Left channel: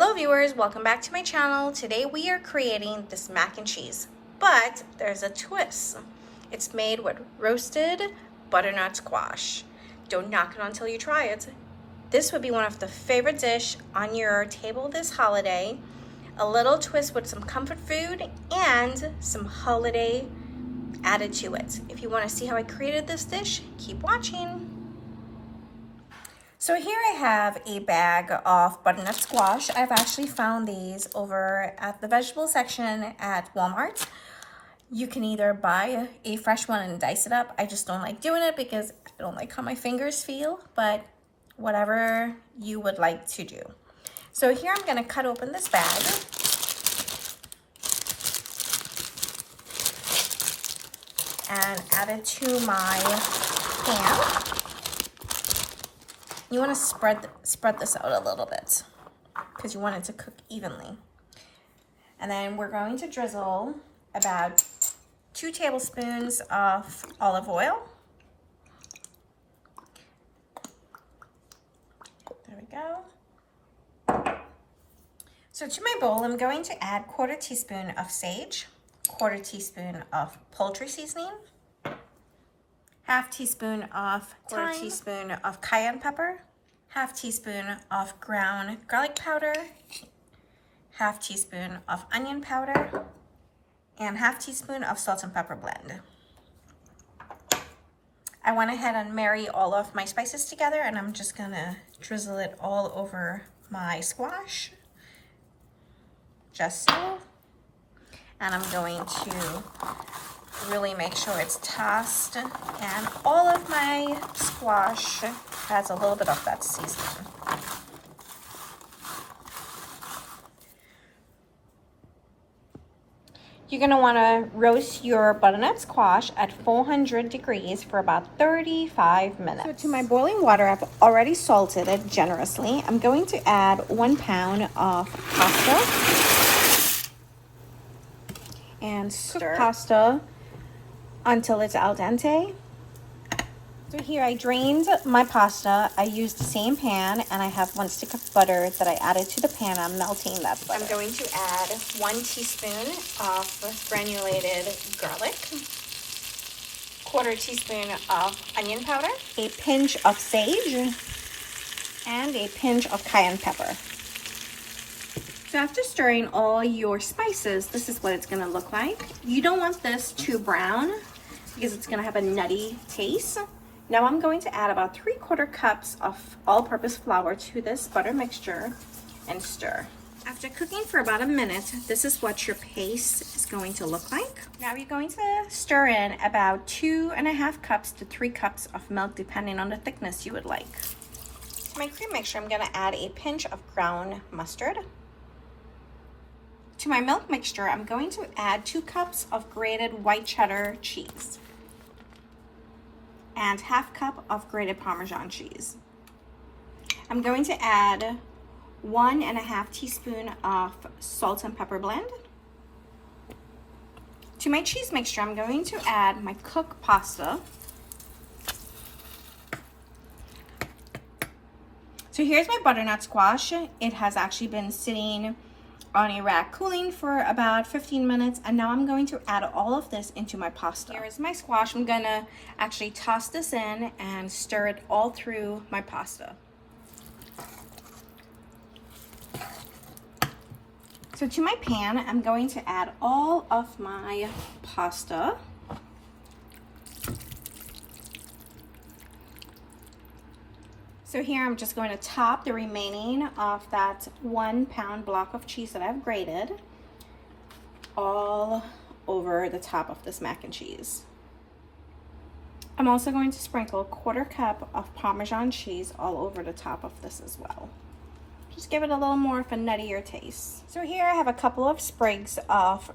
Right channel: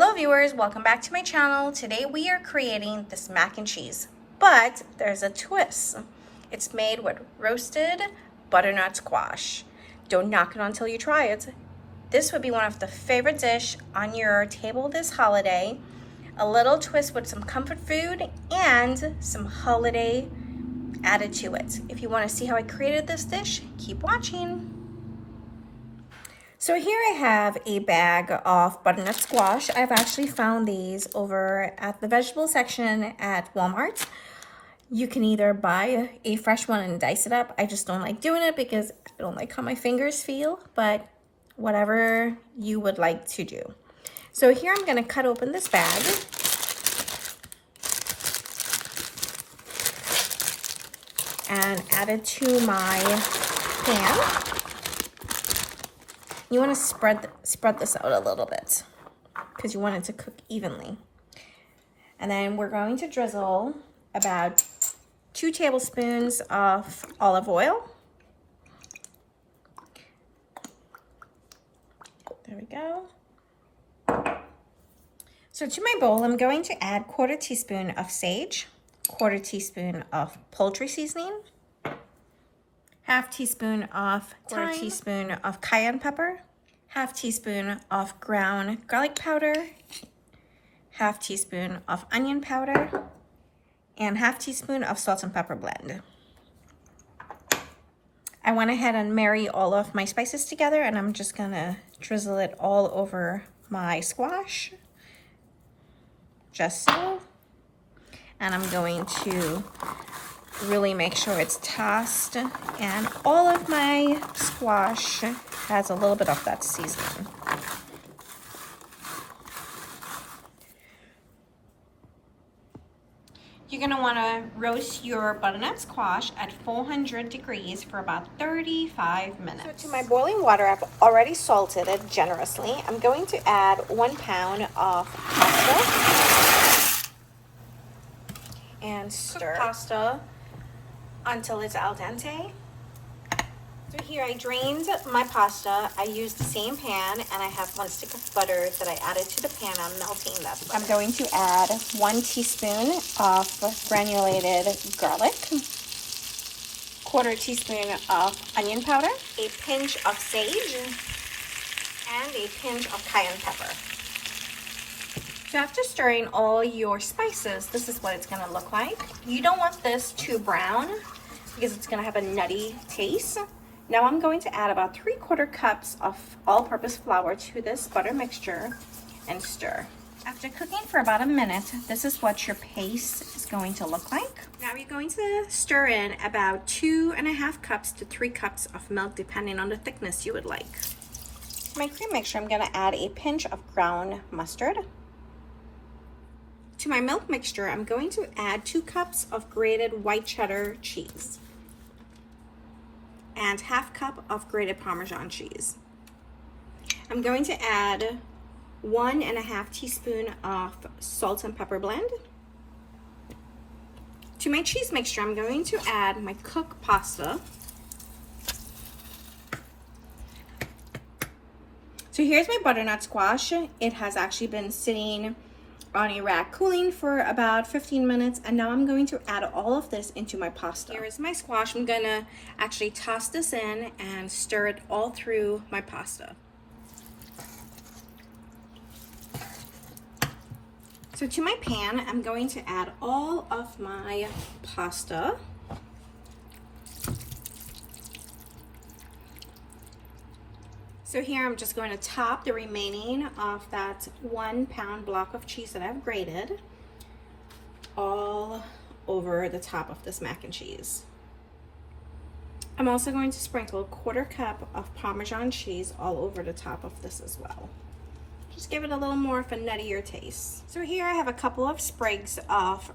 Hello viewers, welcome back to my channel. Today we are creating this mac and cheese, but there's a twist. It's made with roasted butternut squash. Don't knock it until you try it. This would be one of the favorite dish on your table this holiday. A little twist with some comfort food and some holiday added to it. If you want to see how I created this dish, keep watching. So here I have a bag of butternut squash. I've actually found these over at the vegetable section at Walmart. You can either buy a fresh one and dice it up. I just don't like doing it because I don't like how my fingers feel, but whatever you would like to do. So here I'm gonna cut open this bag. And add it to my pan. You want to spread this out a little bit because you want it to cook evenly. And then we're going to drizzle about 2 tablespoons of olive oil. There we go. So to my bowl, I'm going to add 1/4 teaspoon of sage, 1/4 teaspoon of poultry seasoning, 1/2 teaspoon of thyme, 1/4 teaspoon of cayenne pepper, 1/2 teaspoon of ground garlic powder, 1/2 teaspoon of onion powder, and 1/2 teaspoon of salt and pepper blend. I went ahead and marry all of my spices together, and I'm just gonna drizzle it all over my squash, just so. And I'm going to really make sure it's tossed, and all of my squash has a little bit of that seasoning. You're going to want to roast your butternut squash at 400 degrees for about 35 minutes. So to my boiling water, I've already salted it generously. I'm going to add 1 pound of pasta and stir pasta until it's al dente. So here I drained my pasta. I used the same pan, and I have 1 stick of butter that I added to the pan. I'm melting that butter. I'm going to add 1 teaspoon of granulated garlic, 1/4 teaspoon of onion powder, a pinch of sage, and a pinch of cayenne pepper. So after stirring all your spices, this is what it's gonna look like. You don't want this too brown because it's gonna have a nutty taste. Now I'm going to add about 3/4 cups of all-purpose flour to this butter mixture and stir. After cooking for about a minute, this is what your paste is going to look like. Now you're going to stir in about 2.5 cups to 3 cups of milk, depending on the thickness you would like. To my cream mixture, I'm gonna add a pinch of ground mustard. To my milk mixture, I'm going to add 2 cups of grated white cheddar cheese and 1/2 cup of grated Parmesan cheese. I'm going to add 1.5 teaspoon of salt and pepper blend. To my cheese mixture, I'm going to add my cooked pasta. So here's my butternut squash. It has actually been sitting on a rack cooling for about 15 minutes, and now I'm going to add all of this into my pasta. Here is my squash. I'm gonna actually toss this in and stir it all through my pasta. So to my pan, I'm going to add all of my pasta. So here I'm just going to top the remaining of that 1 pound block of cheese that I've grated all over the top of this mac and cheese. I'm also going to sprinkle 1/4 cup of Parmesan cheese all over the top of this as well. Just give it a little more of a nuttier taste. So here I have a couple of sprigs of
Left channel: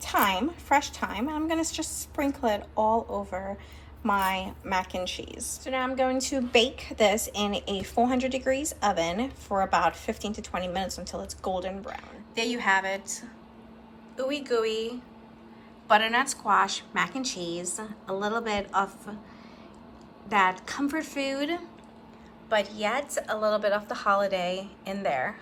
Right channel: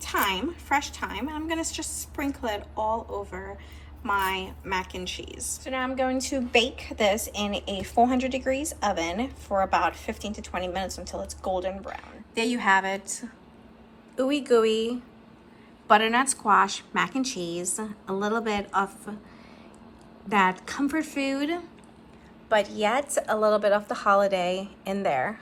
thyme, fresh thyme, and I'm gonna just sprinkle it all over my mac and cheese. So now I'm going to bake this in a 400 degrees oven for about 15 to 20 minutes until it's golden brown. There you have it. Ooey gooey butternut squash mac and cheese. A little bit of that comfort food, but yet a little bit of the holiday in there.